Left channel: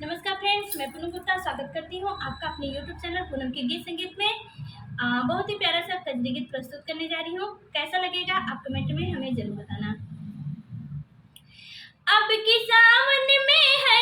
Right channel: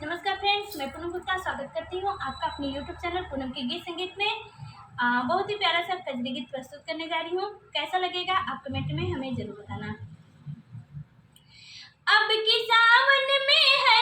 नमस्कार फ्रेंड्स, मैं पूनम गुप्ता स्वागत करती हूँ आपका अपने यूट्यूब चैनल पूनम के गीत संगीत में। बहुत ही प्यारा सा कजरी गीत प्रस्तुत करने जा रही हूँ। कैसा लगेगा आप कमेंट में हमें जरूर बताना। अब की सावन में है